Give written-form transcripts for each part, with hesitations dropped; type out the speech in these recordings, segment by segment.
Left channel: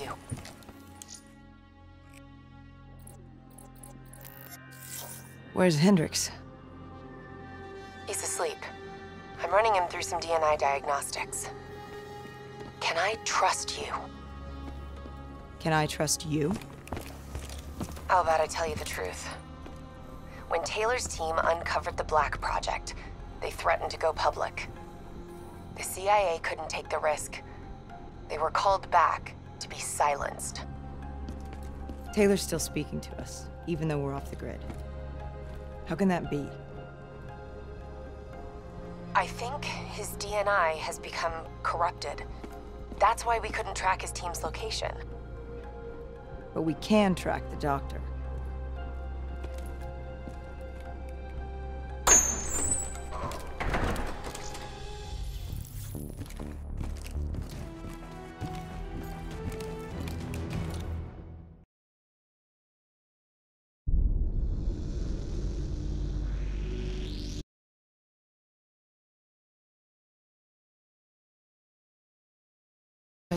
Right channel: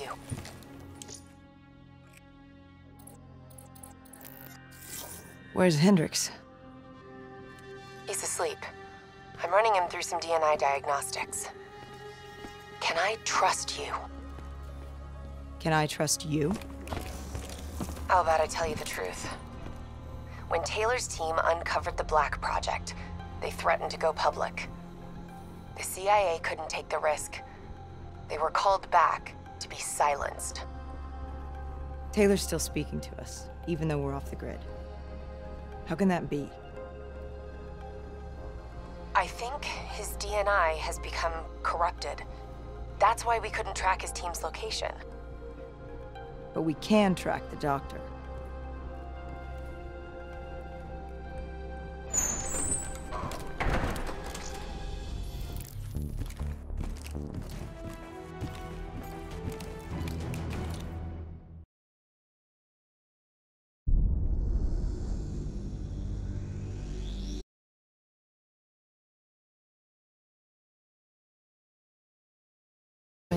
you. Where's Hendricks? He's asleep. I'm running him through some DNI diagnostics. Can I trust you? Can I trust you? How about I tell you the truth? When Taylor's team uncovered the Black Project, they threatened to go public. The CIA couldn't take the risk. They were called back to be silenced. Taylor's still speaking to us, even though we're off the grid. How can that be? I think his DNI has become corrupted. That's why we couldn't track his team's location. But we can track the doctor.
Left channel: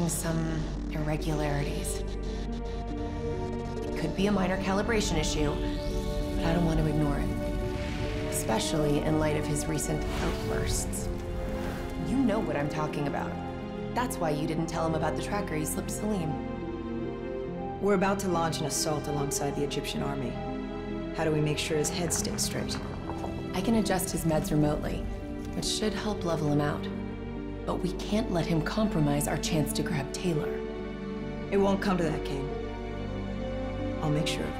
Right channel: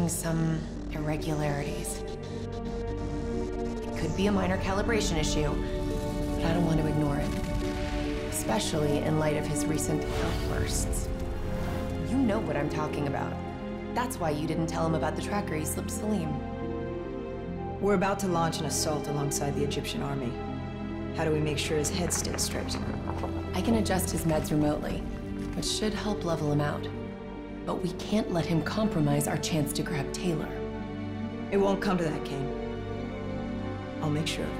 Some irregularities. It could be a minor calibration issue, but I don't want to ignore it. Especially in light of his recent outbursts. You know what I'm talking about. That's why you didn't tell him about the tracker he slipped Salim. We're about to launch an assault alongside the Egyptian army. How do we make sure his head stays straight? I can adjust his meds remotely, which should help level him out. But we can't let him compromise our chance to grab Taylor. It won't come to that, Kane. I'll make sure of it.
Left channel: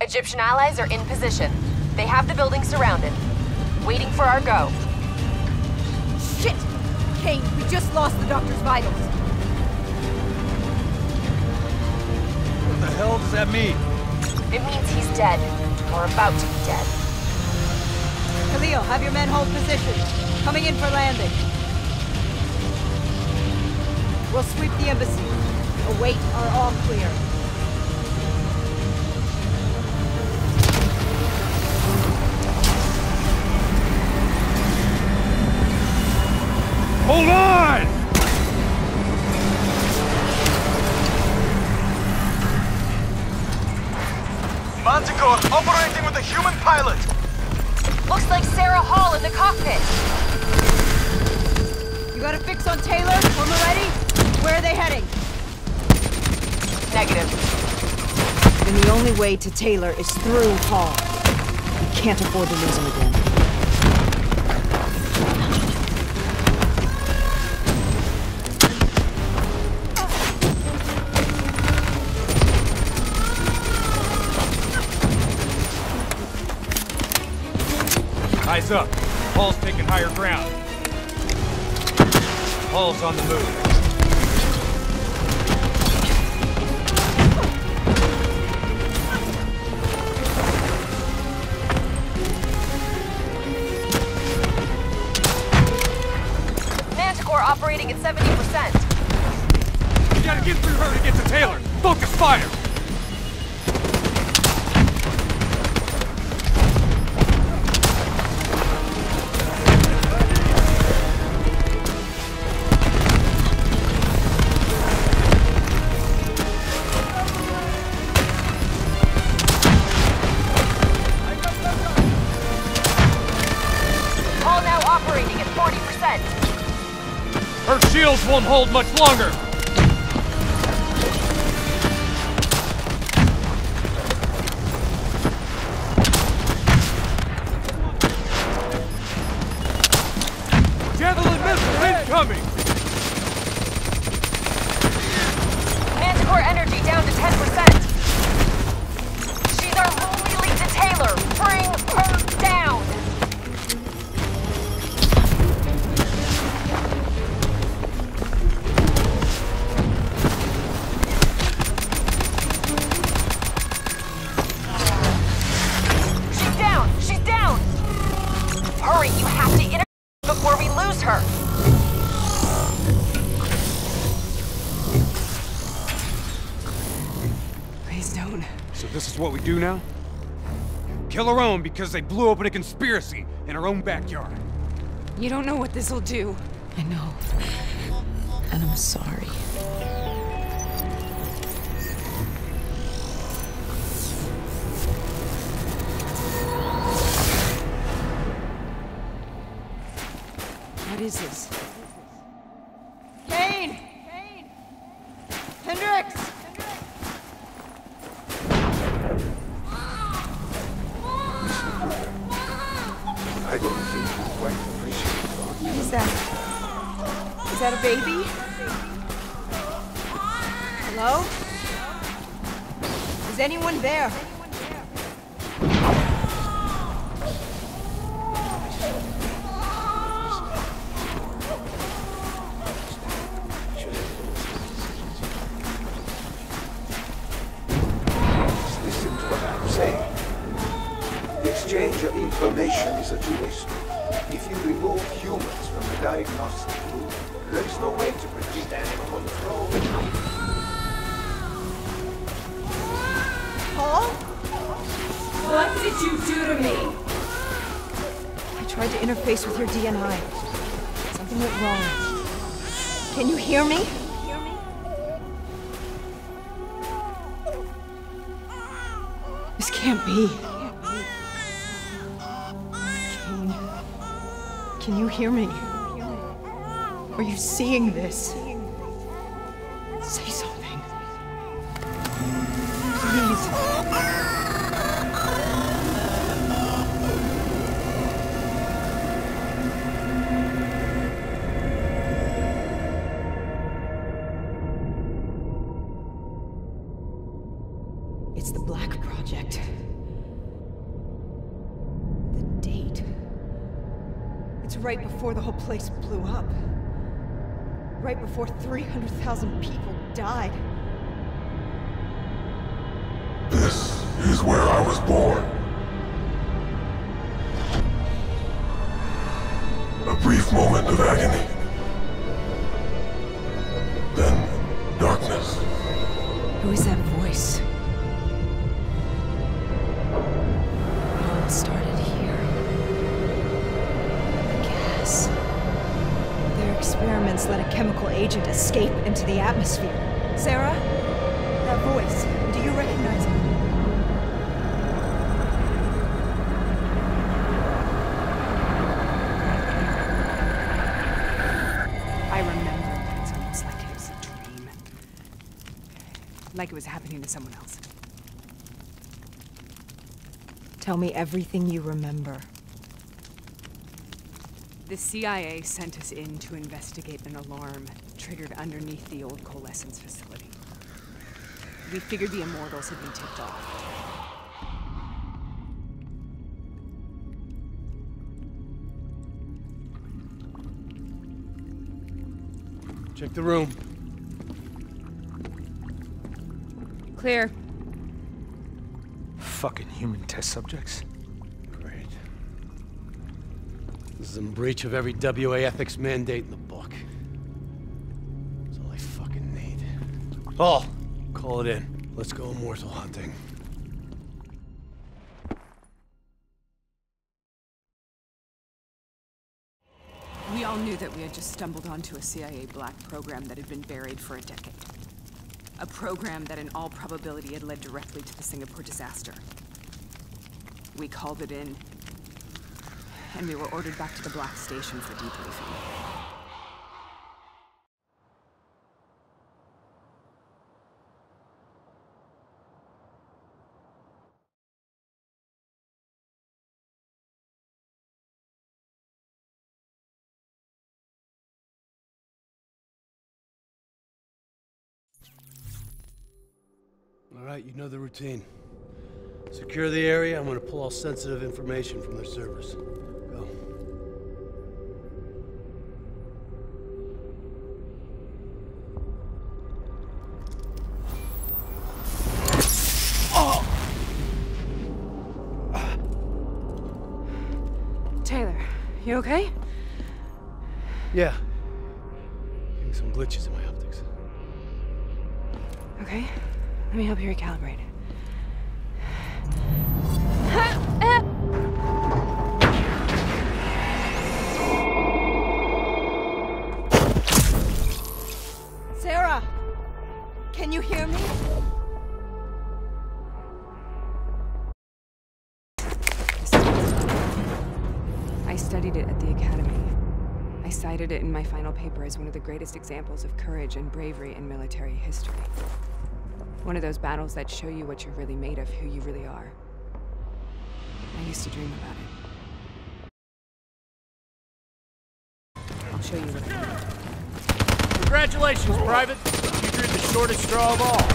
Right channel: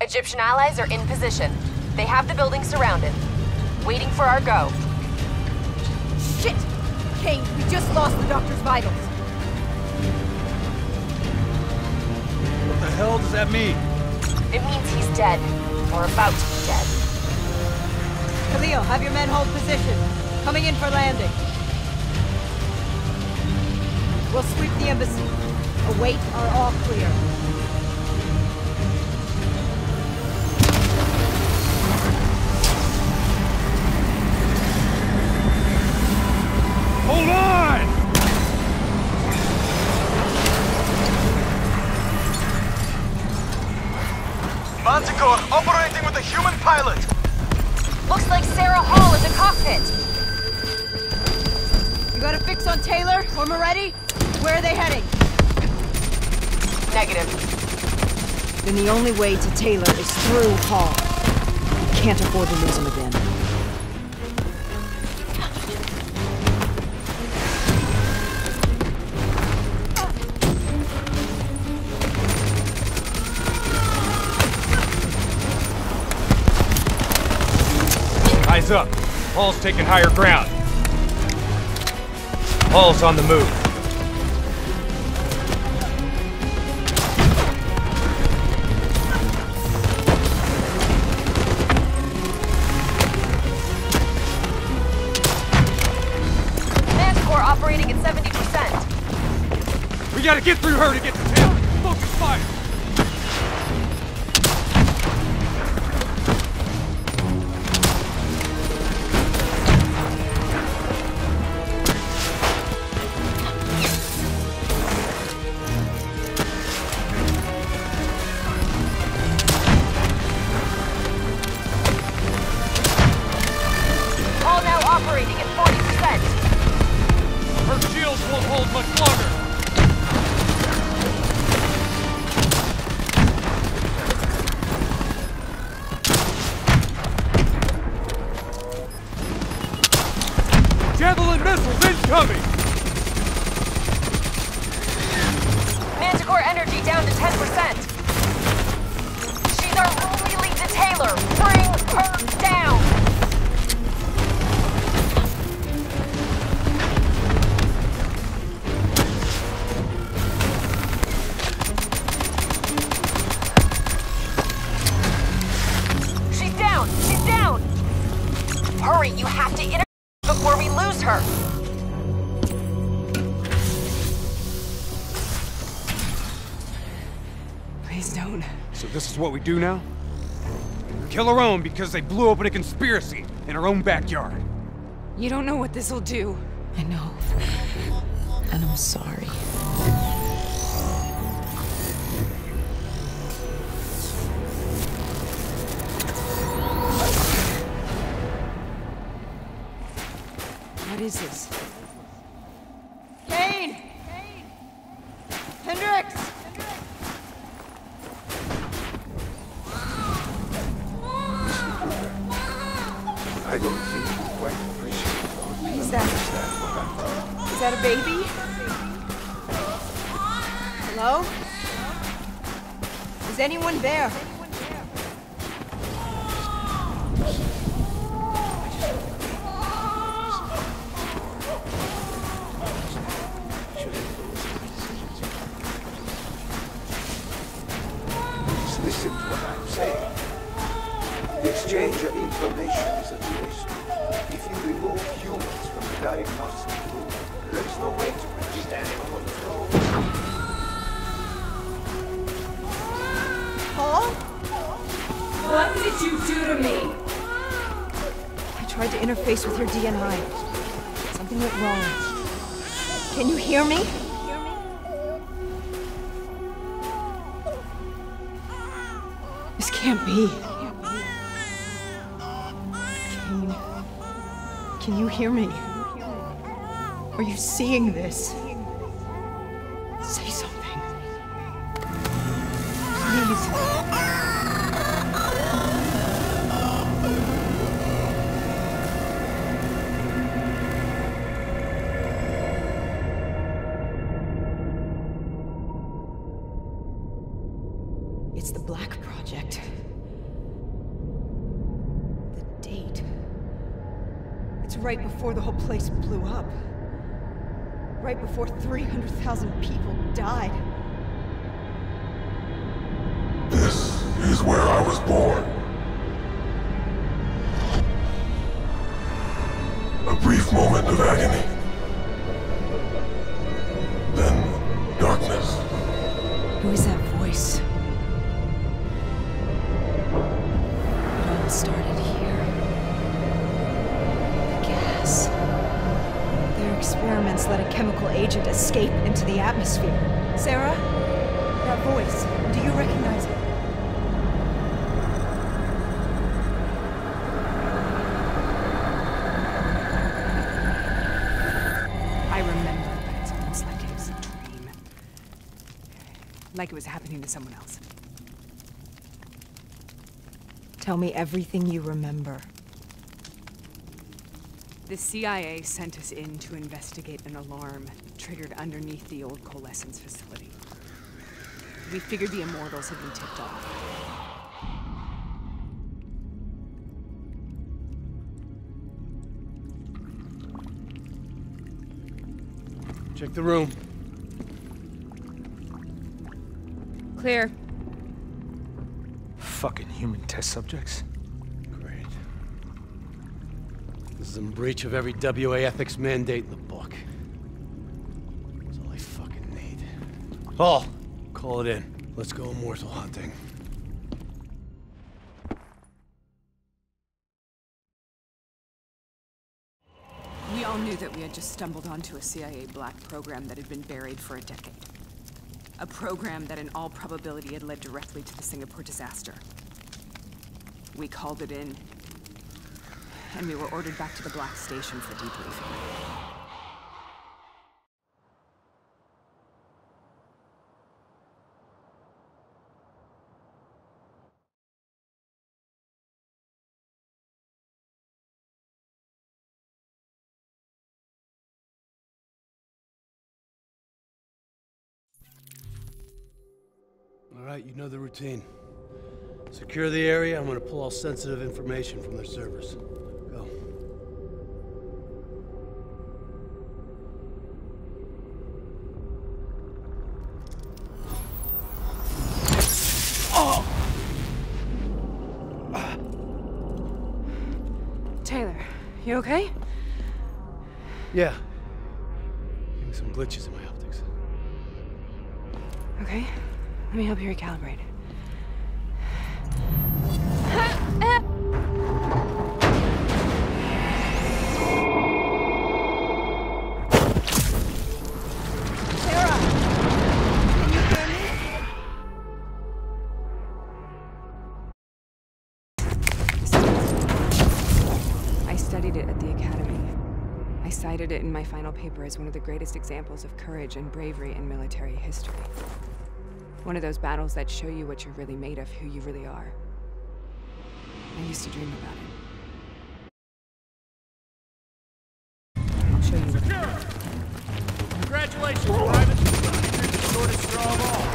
Egyptian allies are in position. They have the building surrounded, waiting for our go. Shit! Kane, we just lost the doctor's vitals. What the hell does that mean? It means he's dead, or about to be dead. Khalil, have your men hold position. Coming in for landing. We'll sweep the embassy. Await our all clear. Hold on! Manticore operating with a human pilot! Looks like Sarah Hall in the cockpit! You got a fix on Taylor? When we're ready? Where are they heading? Negative. Then the only way to Taylor is through Hall. We can't afford to lose him again. Eyes up. Hall's taking higher ground. Hall's on the move. Manticore operating at 70%. We gotta get through her to get to Taylor. Focus fire! Hall now operating at 40%. Her shields won't hold much longer. Javelin missiles incoming! Manticore energy down to 10%. She's our only lead to Taylor. Bring her down. Please don't. So this is what we do now? Kill our own because they blew open a conspiracy in our own backyard. You don't know what this'll do. I know. And I'm sorry. What is this? Kane! Hendricks! I don't think you quite appreciate it. Is that a baby? Hello? Is anyone there? Listen to what I'm saying. The exchange of information is a two-way. If you remove humans from the diagnostic group, there is no way to predict animal control. Paul? What did you do to me? I tried to interface with your DNI. Something went wrong. Can you hear me? This can't be. Kane, can you hear me? Are you seeing this? Say something. Please. It's the Black Project. The date. It's right before the whole place blew up. Right before 300,000 people died. This is where I was born. A brief moment of agony. Then, darkness. Who is that voice? It all started here. The gas. Their experiments let a chemical agent escape into the atmosphere. Sarah? That voice. Do you recognize it? I remember, but it's almost like it was a dream. Like it was happening to someone else. Tell me everything you remember. The CIA sent us in to investigate an alarm triggered underneath the old Coalescence facility. We figured the Immortals had been tipped off. Check the room. Clear. Fucking human test subjects. Great. This is in breach of every WA ethics mandate in the book. That's all I fucking need. Paul, call it in. Let's go immortal hunting. We all knew that we had just stumbled onto a CIA Black program that had been buried for a decade. A program that in all probability had led directly to the Singapore disaster. We called it in, and we were ordered back to the Black Station for debriefing. All right, you know the routine. Secure the area. I'm gonna pull all sensitive information from their servers. Go. Taylor, you okay? Yeah. Getting some glitches in my optics. Okay. Let me help you recalibrate. Sarah! Can you hear me? I studied it at the Academy. I cited it in my final paper as one of the greatest examples of courage and bravery in military history. One of those battles that show you what you're really made of, who you really are. I used to dream about it. I'll show you what I mean. Congratulations, Private! You drew the shortest straw of all.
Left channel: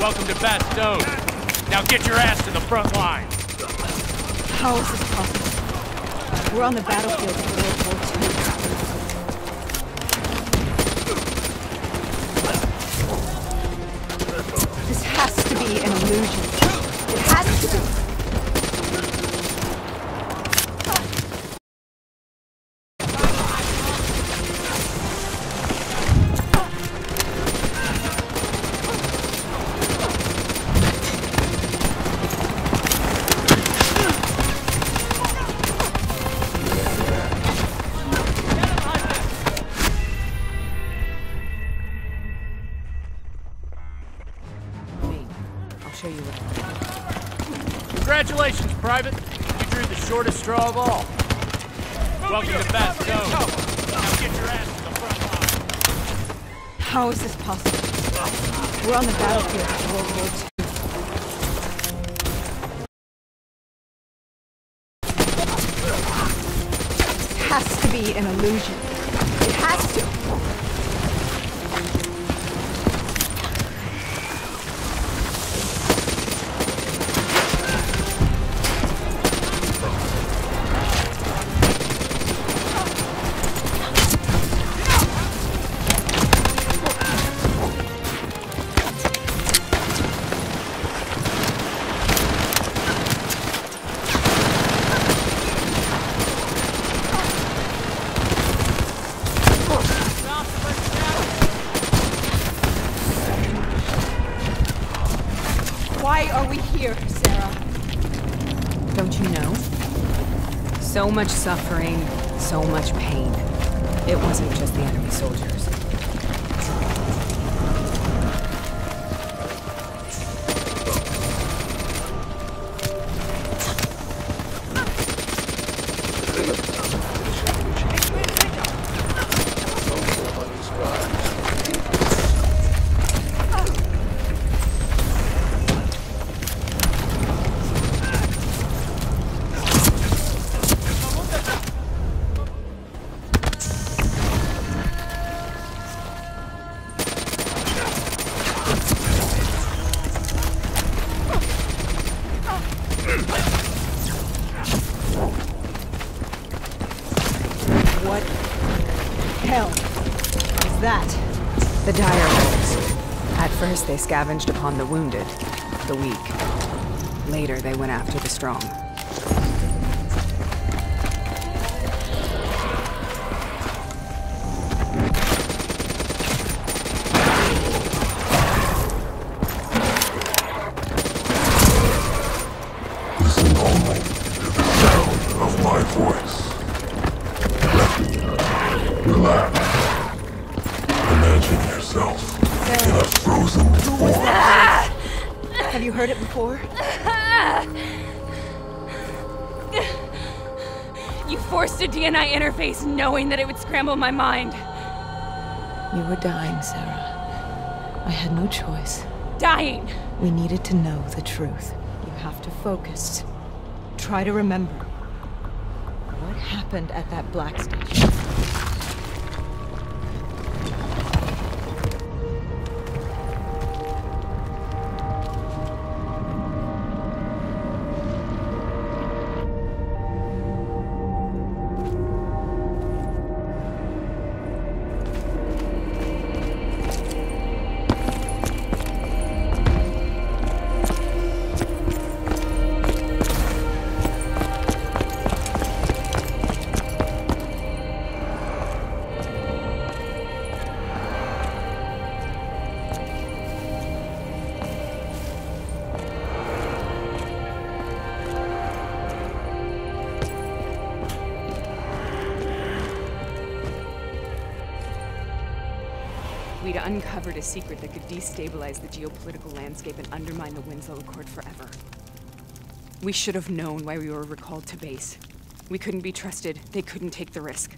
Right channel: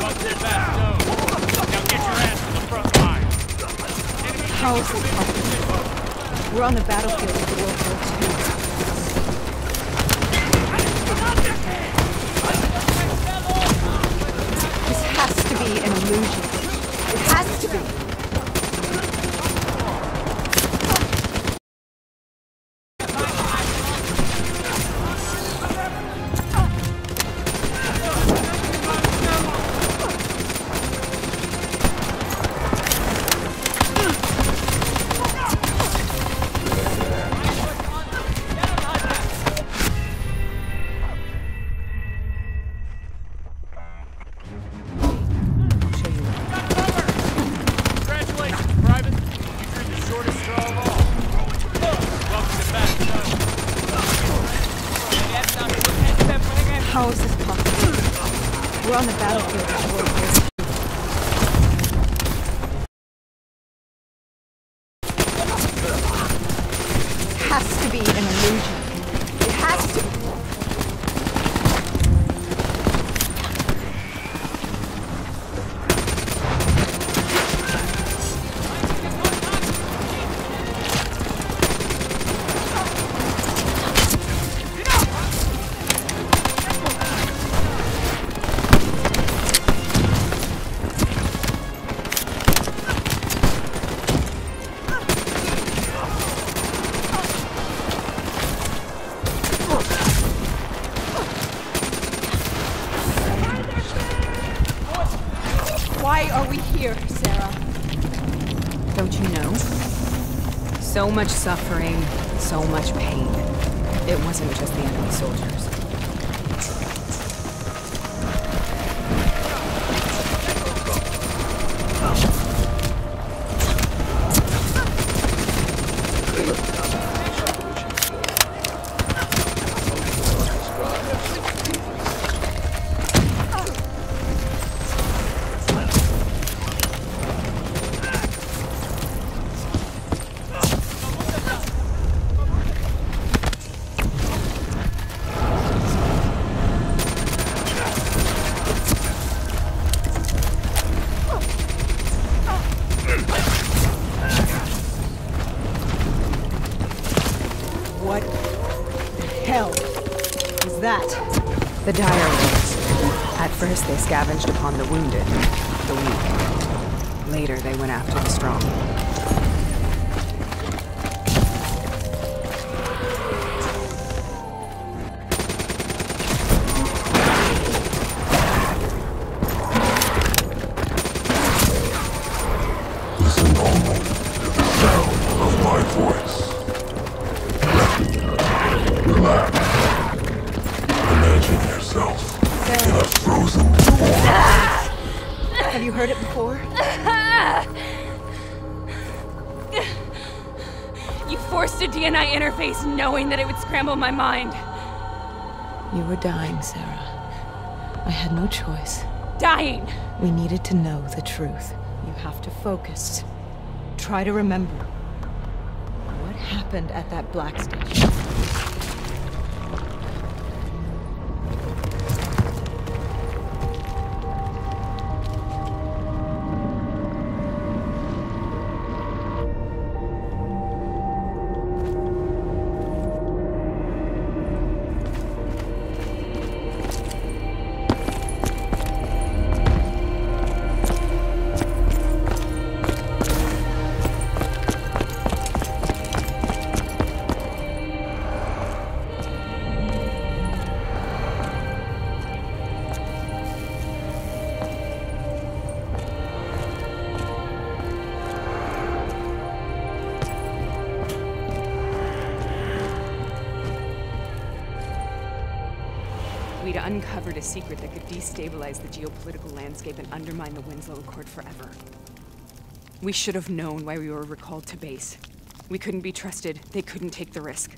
Welcome to Bastogne. Now get your ass to the front line. How is this possible? We're on the battlefield of World War II. This has to be an illusion. It has to be. Congratulations, Private! You drew the shortest straw of all. Welcome to Bastogne. Get your ass to the front line. How is this possible? We're on the battlefield of World War II. It has to be an illusion. It has to. Why are we here, Sarah? Don't you know? So much suffering, so much pain. It wasn't just the enemy soldiers. What the hell is that? The dire wolves. At first they scavenged upon the wounded, the weak. Later they went after the strong. Listen only to the sound of my voice. Relax. Imagine yourself in a frozen forest. Have you heard it before? You forced a DNI interface knowing that it would scramble my mind. You were dying, Sarah. I had no choice. Dying! We needed to know the truth. You have to focus. Try to remember. What happened at that black station? We'd uncovered a secret that could destabilize the geopolitical landscape and undermine the Winslow Accord forever. We should have known why we were recalled to base. We couldn't be trusted. They couldn't take the risk.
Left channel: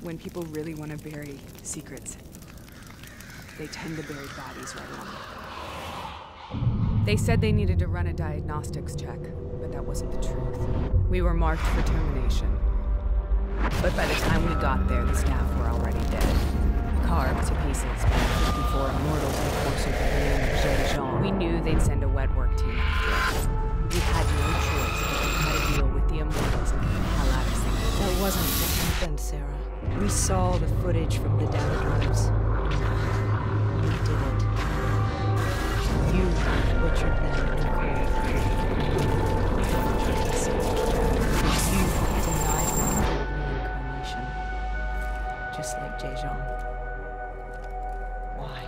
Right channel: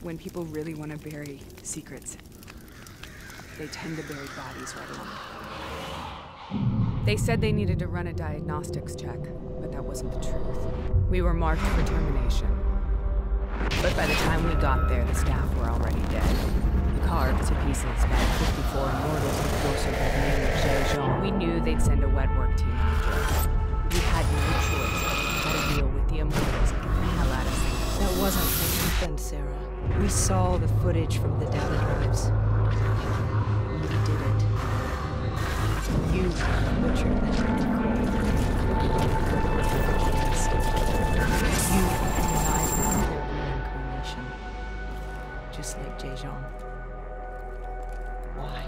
When people really want to bury secrets, they tend to bury bodies right along with them. They said they needed to run a diagnostics check, but that wasn't the truth. We were marked for termination. But by the time we got there, the staff were already dead. Carved to pieces by a 54 Immortals enforcer by the name of Jay Jean. We knew they'd send a wet work team after us. We had no choice but to cut a deal with the Immortals and get the hell out of Singapore. That wasn't what happened, Sarah. We saw the footage from the data drives. You did it. You butchered them in cold. You denied them their reincarnation. Just like Jay Jean. Why?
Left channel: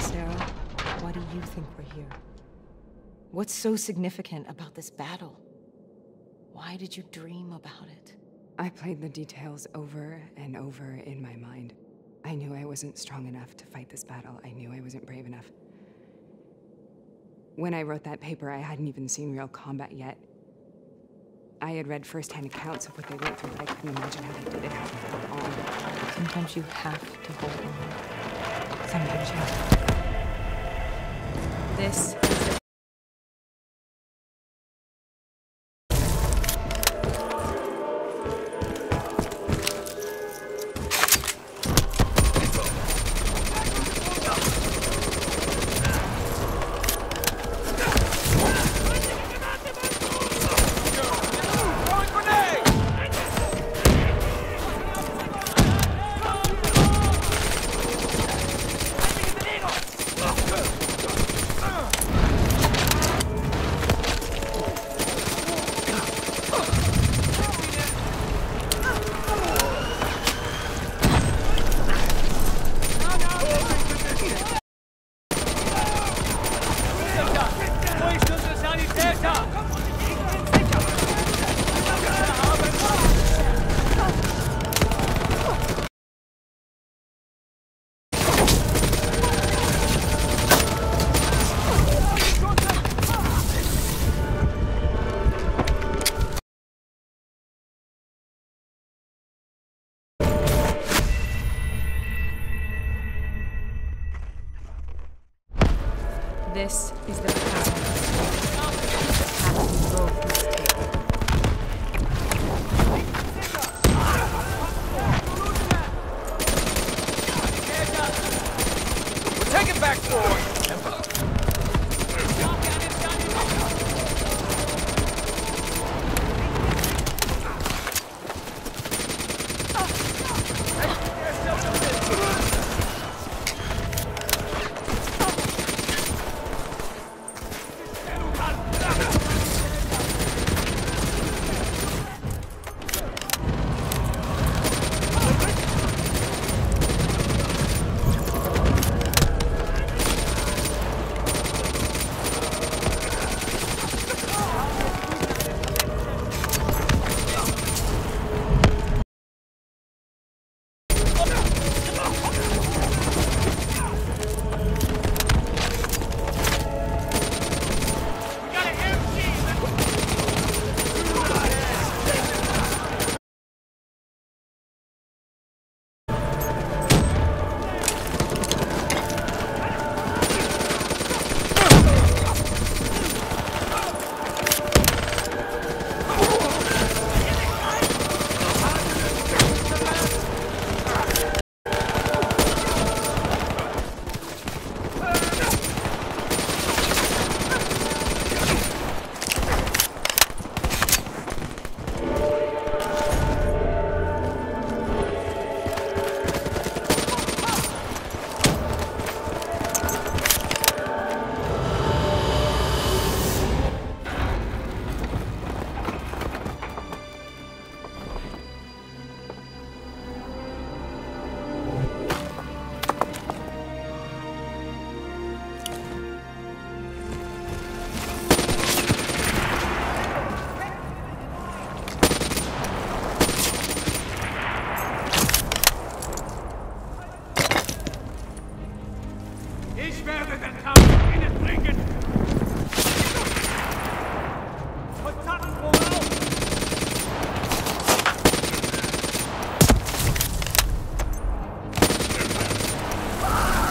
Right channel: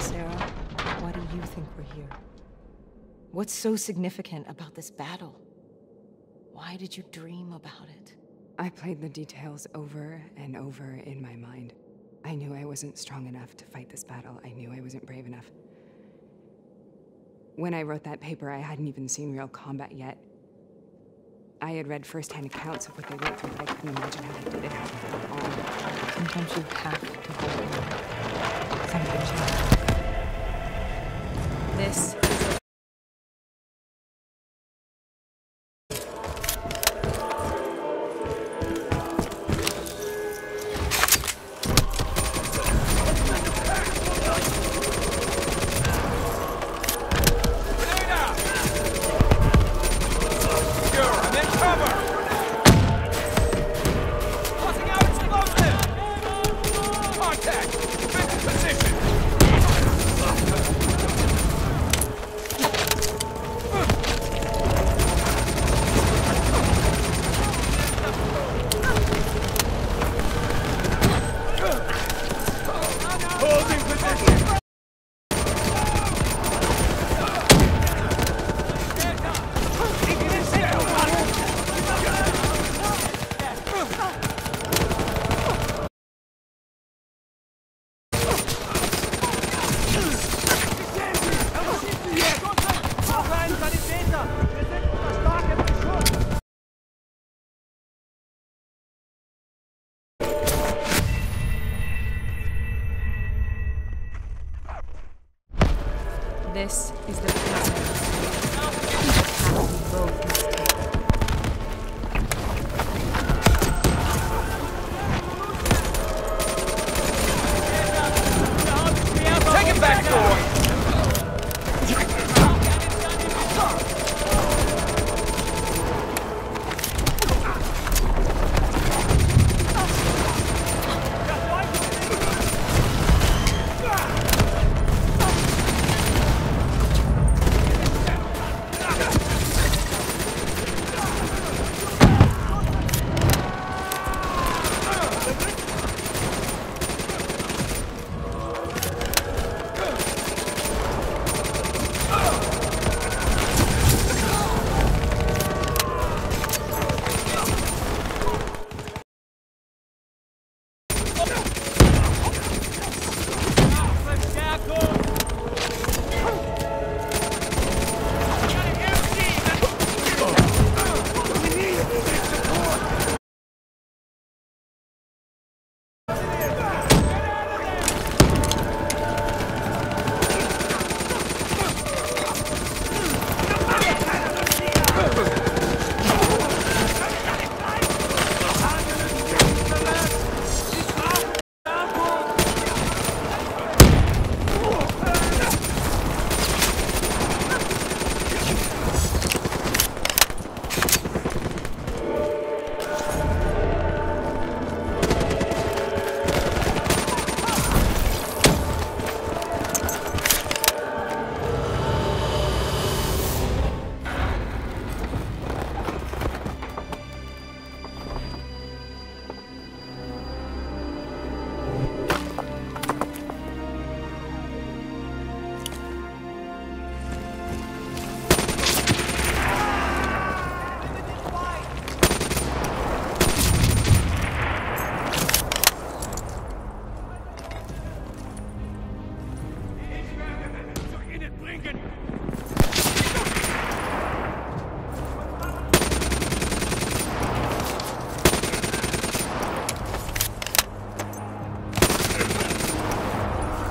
Sarah, why do you think we're here? What's so significant about this battle? Why did you dream about it? I played the details over and over in my mind. I knew I wasn't strong enough to fight this battle. I knew I wasn't brave enough. When I wrote that paper, I hadn't even seen real combat yet. I had read first-hand accounts of what they went through, but I couldn't imagine how they did it, how they held on. Sometimes you have to hold on. Sometimes you have to. This is the This is the path. The path we both must take. Take it back, boy!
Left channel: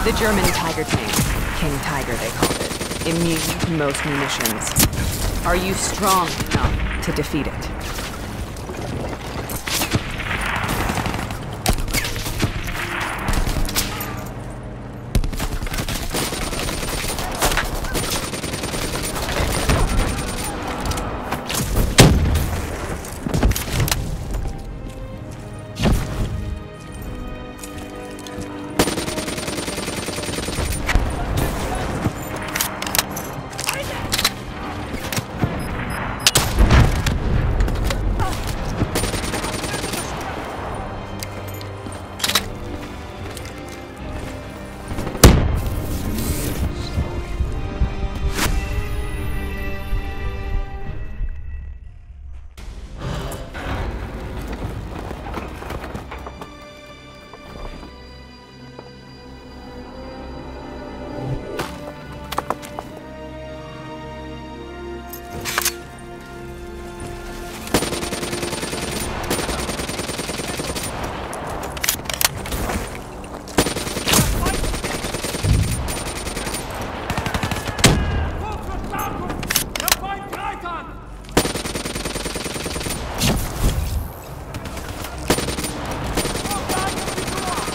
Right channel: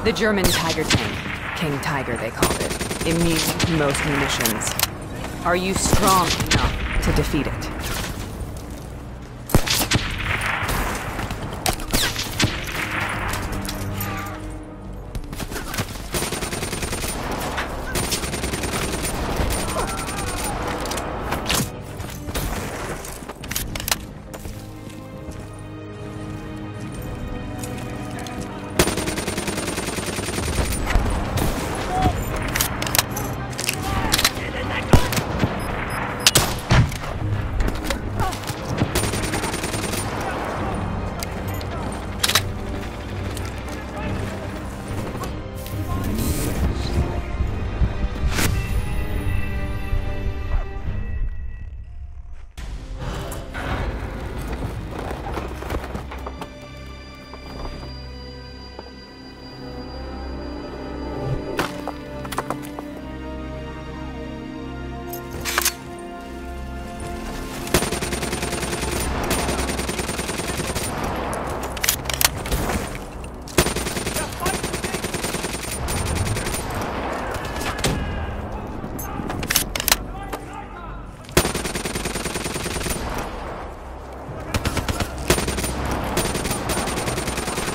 The German Tiger tank. King Tiger, they called it. Immune to most munitions. Are you strong enough to defeat it?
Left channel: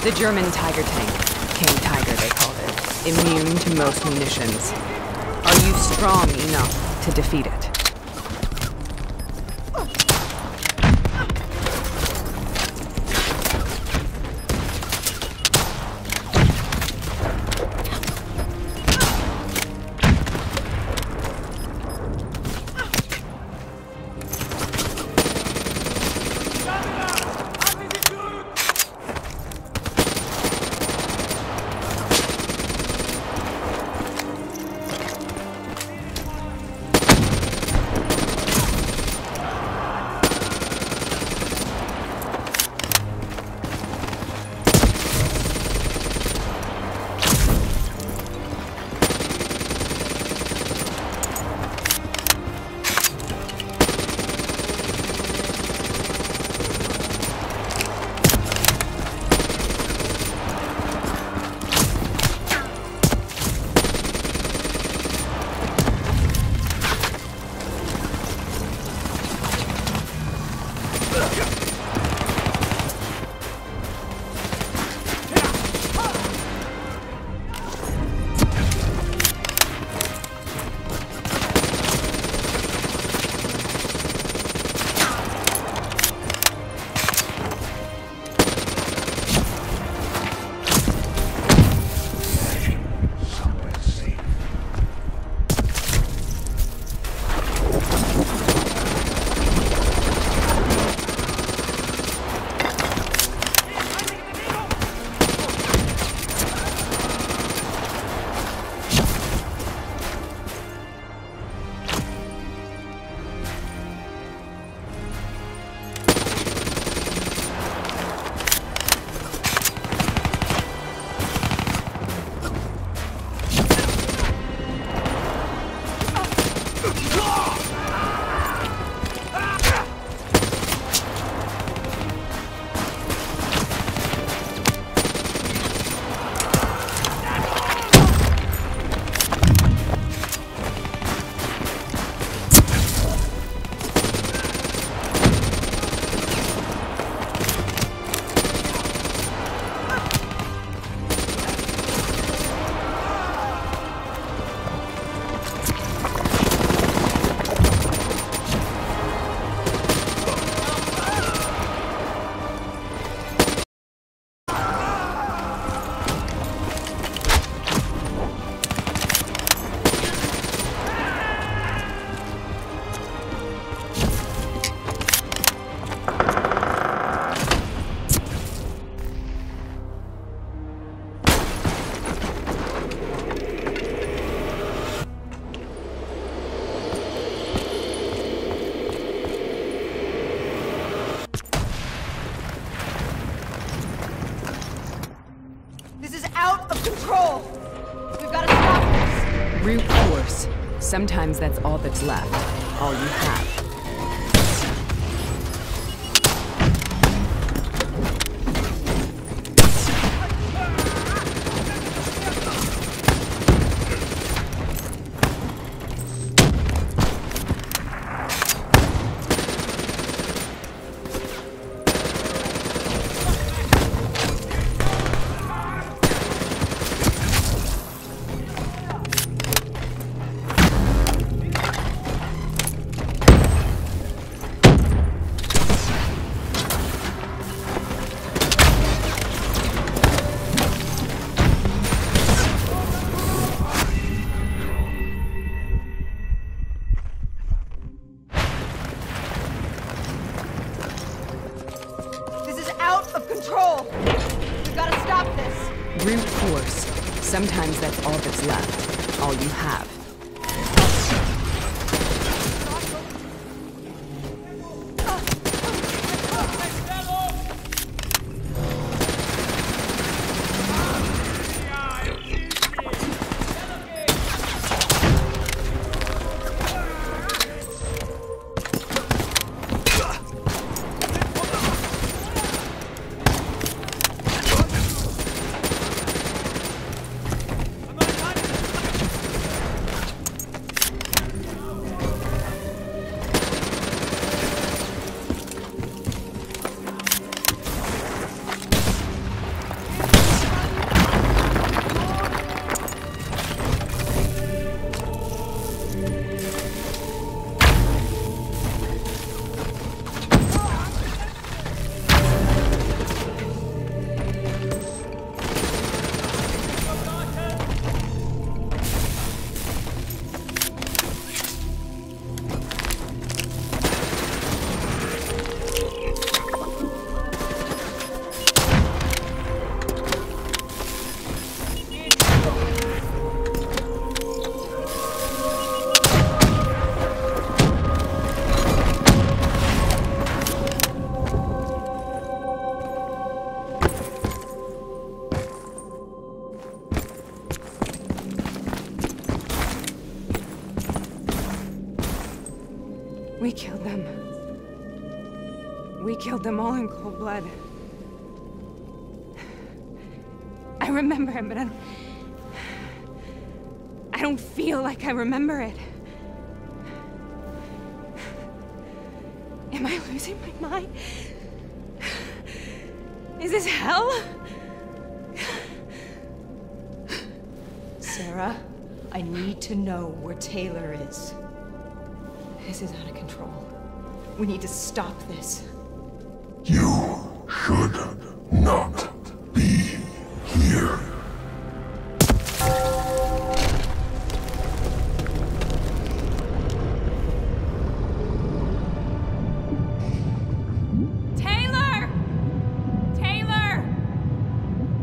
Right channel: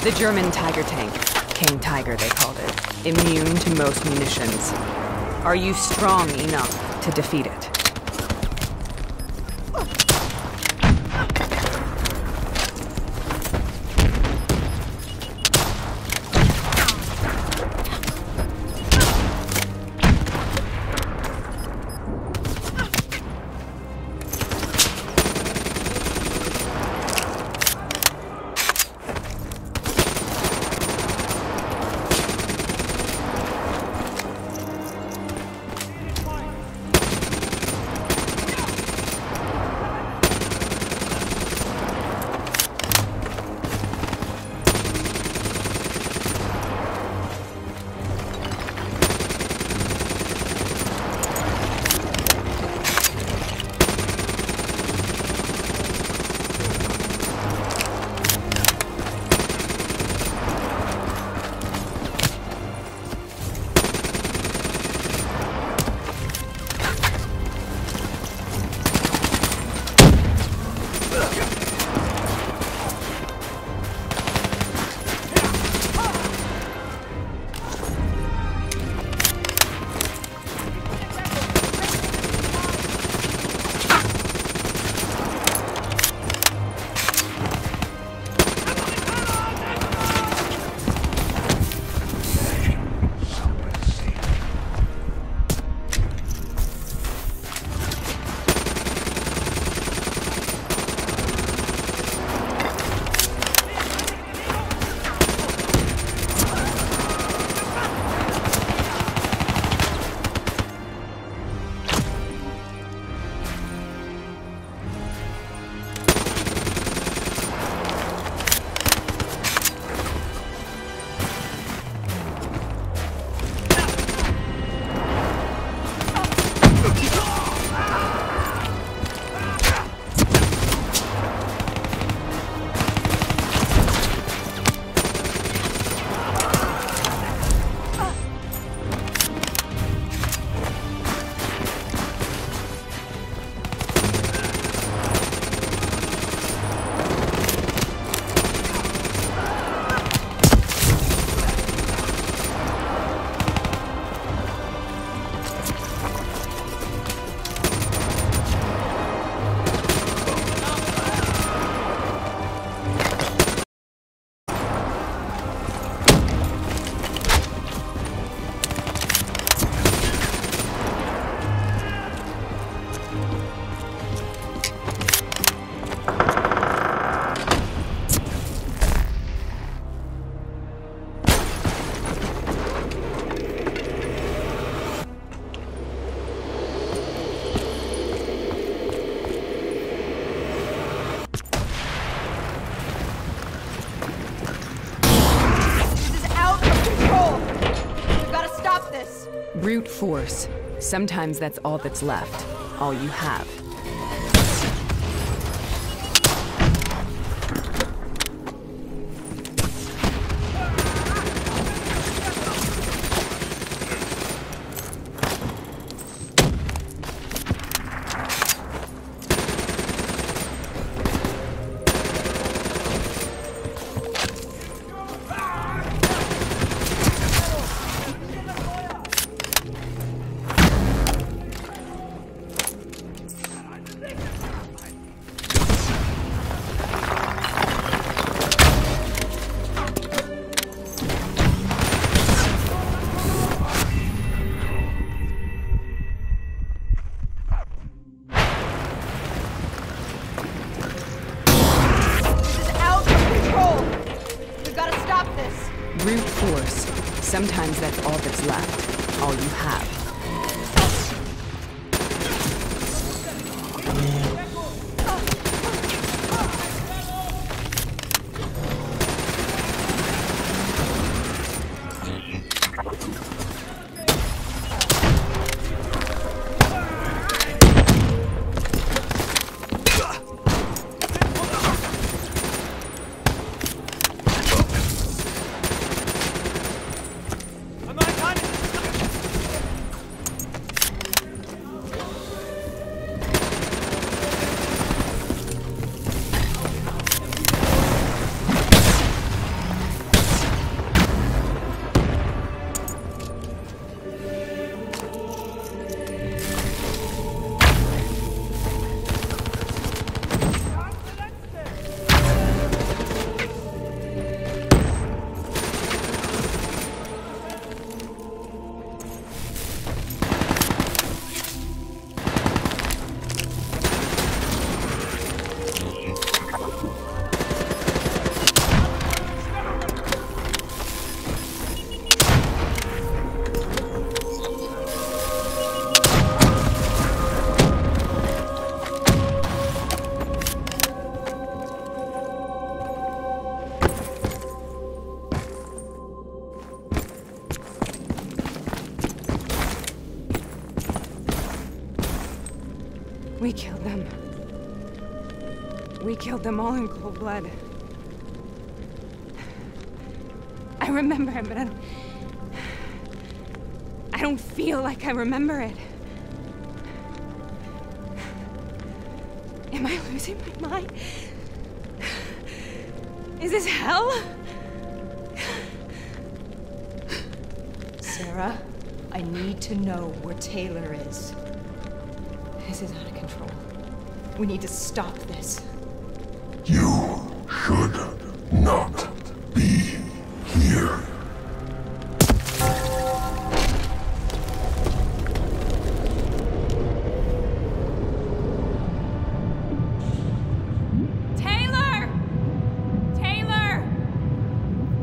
The German Tiger tank. King Tiger, they called it. Immune to most munitions. Are you strong enough to defeat it? Brute force. Sometimes that's all that's left. All you have. stop this! Brute force. Sometimes that's all that's left. All you have. We killed them. We killed them all in cold blood. I remember it, but I don't feel like I remember it. Am I losing my mind? Is this hell? Sarah, I need to know where Taylor is. This is out of control. We need to stop this. You should not be here. Taylor! Taylor!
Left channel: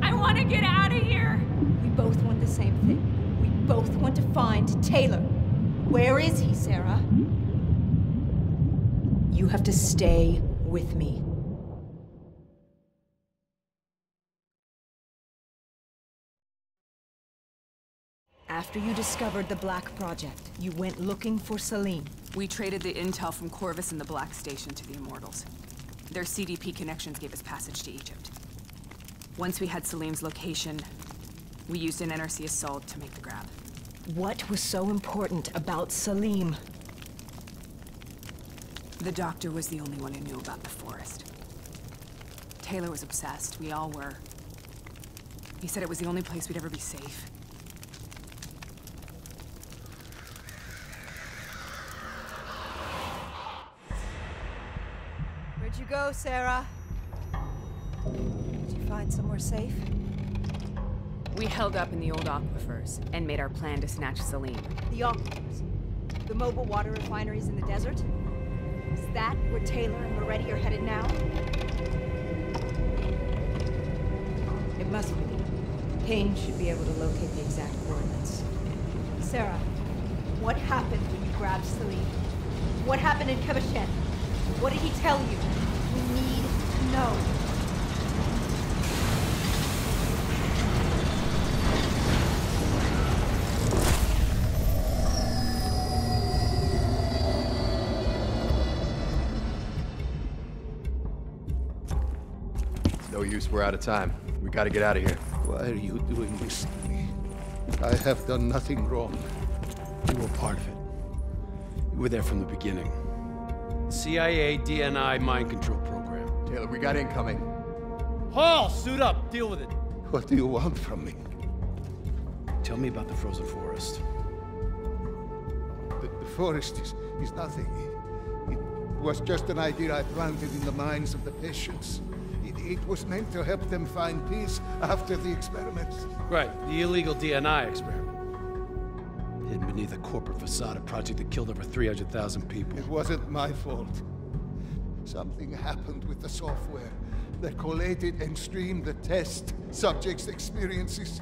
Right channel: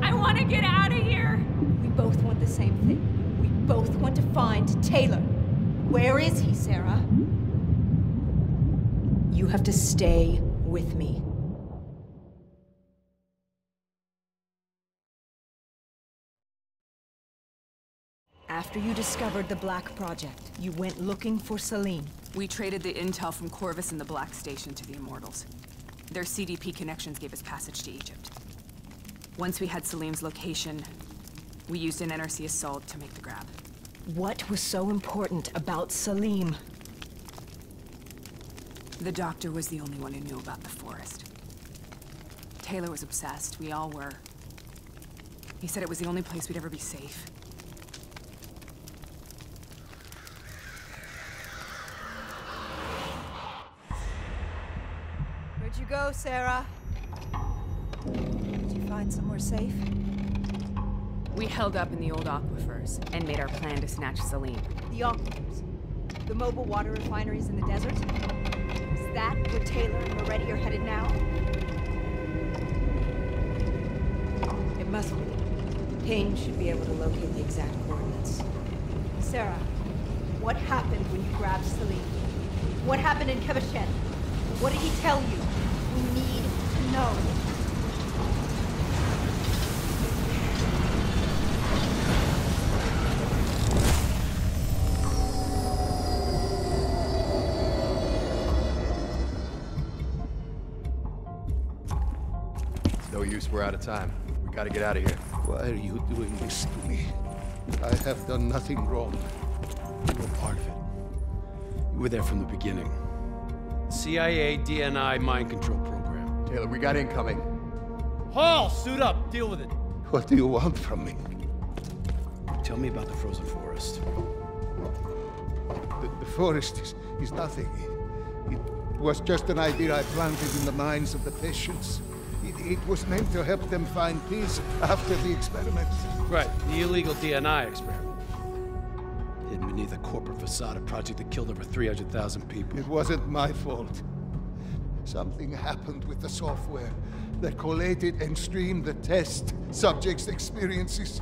I want to get out of here! We both want the same thing. We both want to find Taylor. Where is he, Sarah? You have to stay with me. After you discovered the Black Project, you went looking for Salim. We traded the intel from Corvus and the Black Station to the Immortals. Their CDP connections gave us passage to Egypt. Once we had Salim's location, we used an NRC assault to make the grab. What was so important about Salim? The doctor was the only one who knew about the forest. Taylor was obsessed. We all were. He said it was the only place we'd ever be safe. Where'd you go, Sarah? Did you find somewhere safe? We held up in the old aquifers and made our plan to snatch Salim. The aquifers? The mobile water refineries in the desert? Is that where Taylor and Moretti are headed now? It must be. Kane should be able to locate the exact coordinates. Sarah, what happened when you grabbed Salim? What happened in Kevashen? What did he tell you? We need to know. No use, we're out of time. We gotta get out of here. Why are you doing this to me? I have done nothing wrong. You were part of it. You were there from the beginning. CIA, DNI, mind control program. Taylor, we got incoming. Hall, suit up, deal with it. What do you want from me? Tell me about the frozen forest. The forest is nothing. It was just an idea I planted in the minds of the patients. It was meant to help them find peace after the experiments. Right, the illegal DNI experiment. Hidden beneath a corporate facade, a project that killed over 300,000 people. It wasn't my fault. Something happened with the software that collated and streamed the test subjects' experiences.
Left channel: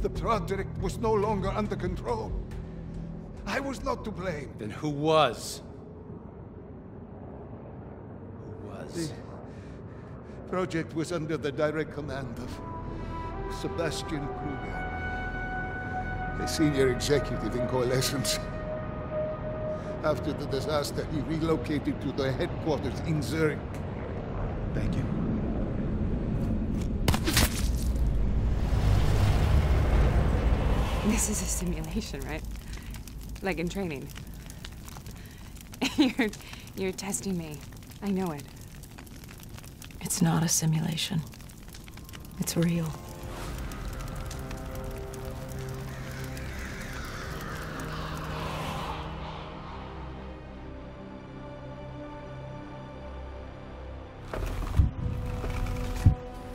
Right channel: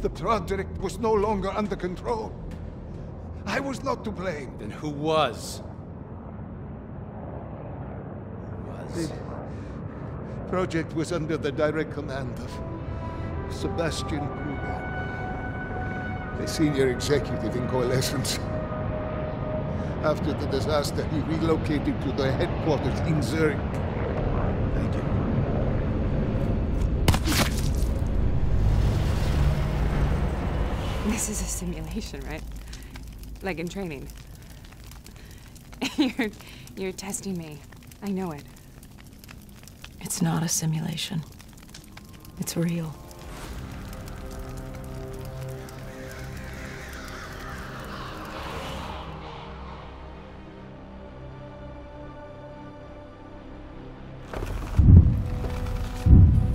The project was no longer under control. I was not to blame. Then who was? The project was under the direct command of Sebastian Kruger, a senior executive in Coalescence. After the disaster, he relocated to the headquarters in Zurich. Thank you. This is a simulation, right? Like in training. You're testing me. I know it. It's not a simulation. It's real.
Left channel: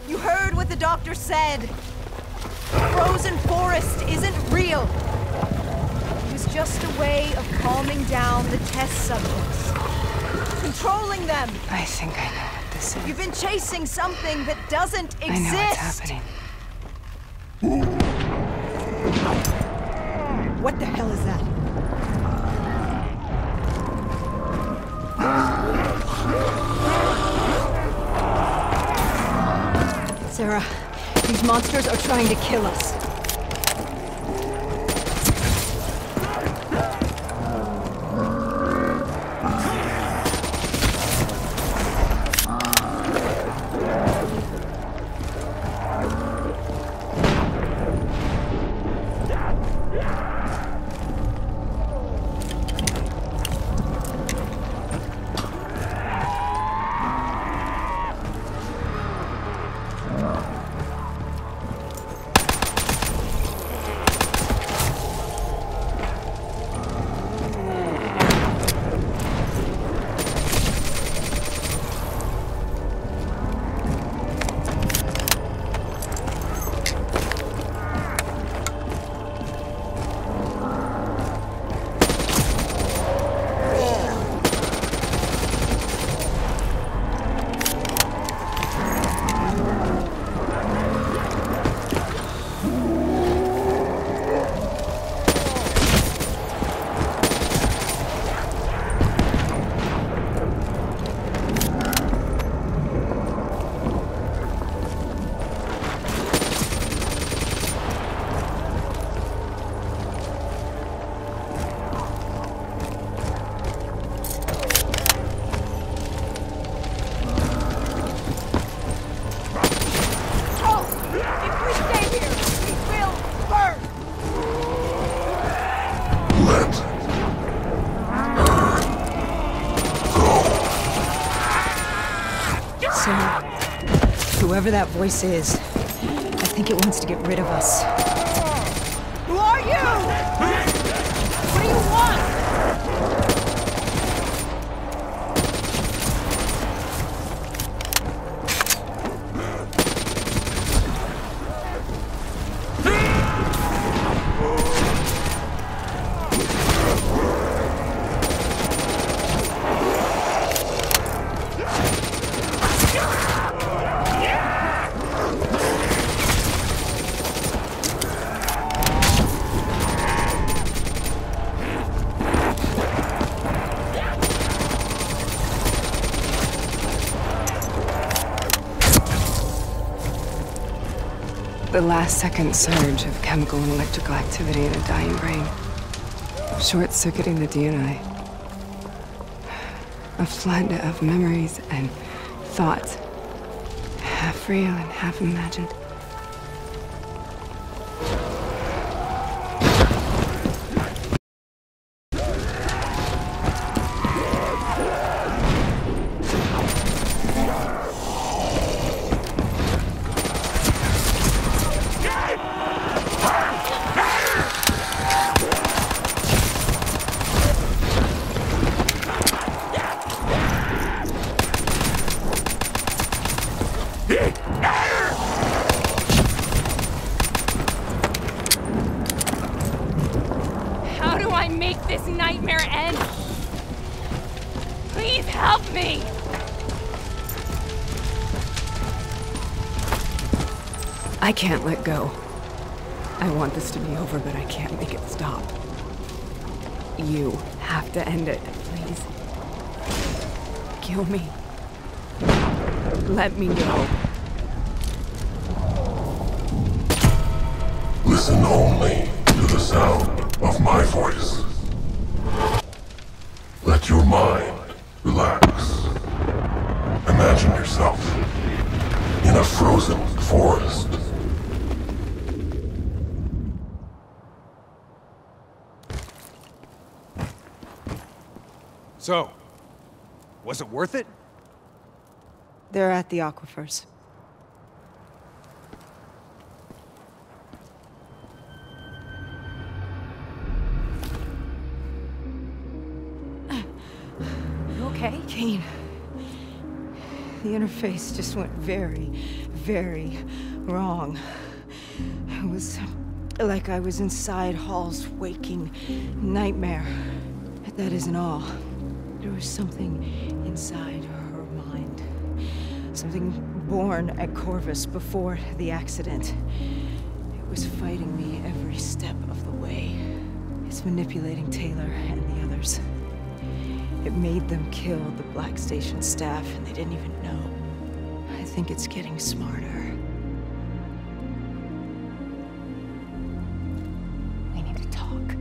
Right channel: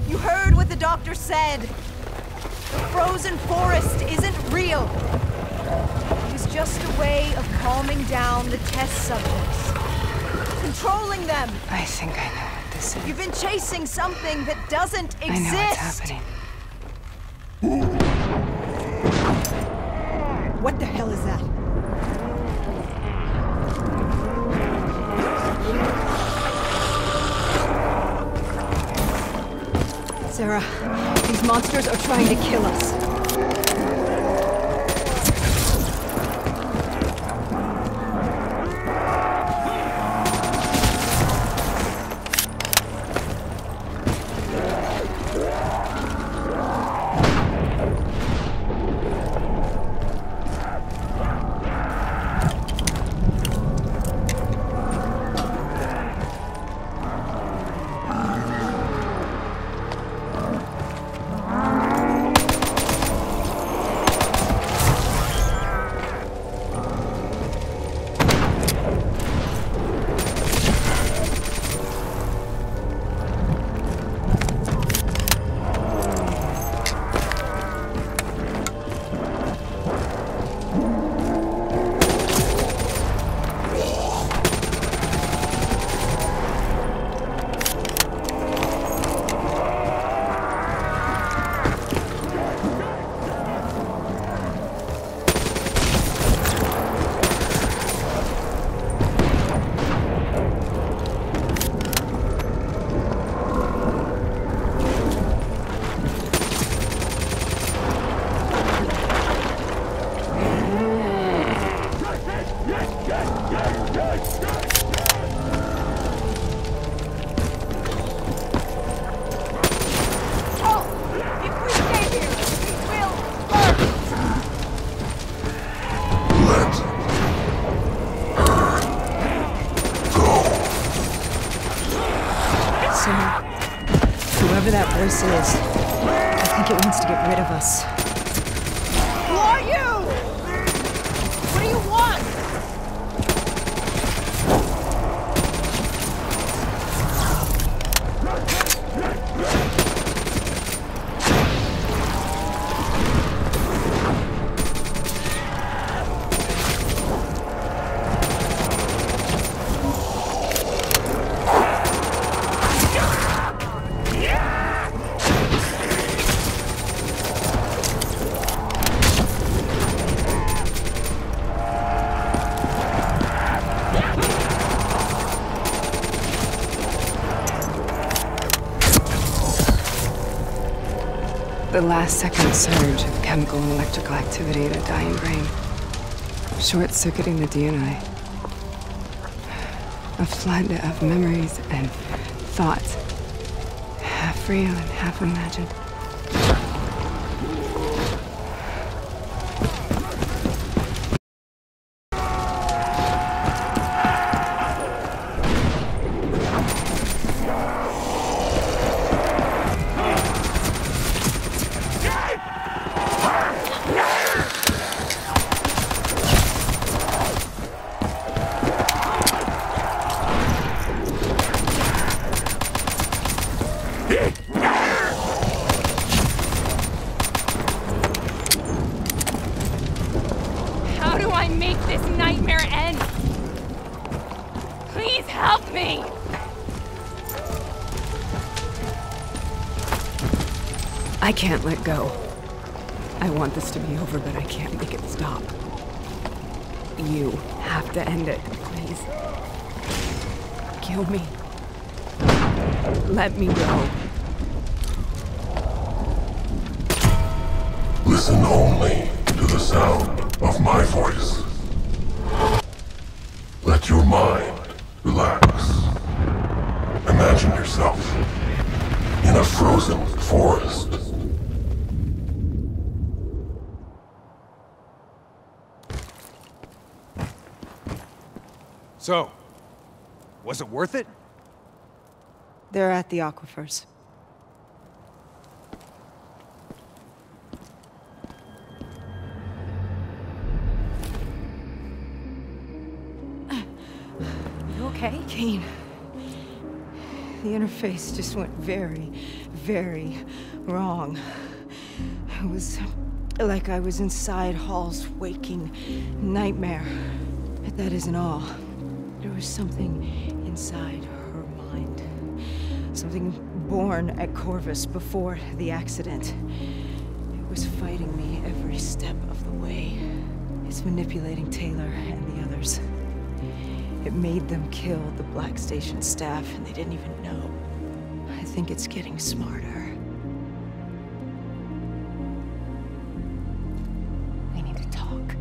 You heard what the doctor said. The frozen forest isn't real. It was just a way of calming down the test subjects. Controlling them. I think I know what this is. You've been chasing something that doesn't exist. I know what's happening. What the hell is that? Sarah, these monsters are trying to kill us. Whoever that voice is, I think it wants to get rid of us. Who are you? What do you want? The last-second surge of chemical and electrical activity in a dying brain. Short-circuiting the DNA. A flood of memories and thoughts. Half real and half imagined. How do I make this nightmare end? Please help me! I can't let go. I want this to be over, but I can't make it stop. You have to end it, please. Kill me. Let me go. Listen only to the sound of my voice. Let your mind relax. Imagine yourself in a frozen forest. So, was it worth it? They're at the aquifers. You okay? Kane. The interface just went very, very wrong. It was like I was inside Hall's waking nightmare. But that isn't all. There was something inside her mind. Something born at Corvus before the accident. It was fighting me every step of the way. It's manipulating Taylor and the others. It made them kill the Black Station staff, and they didn't even know. I think it's getting smarter. We need to talk.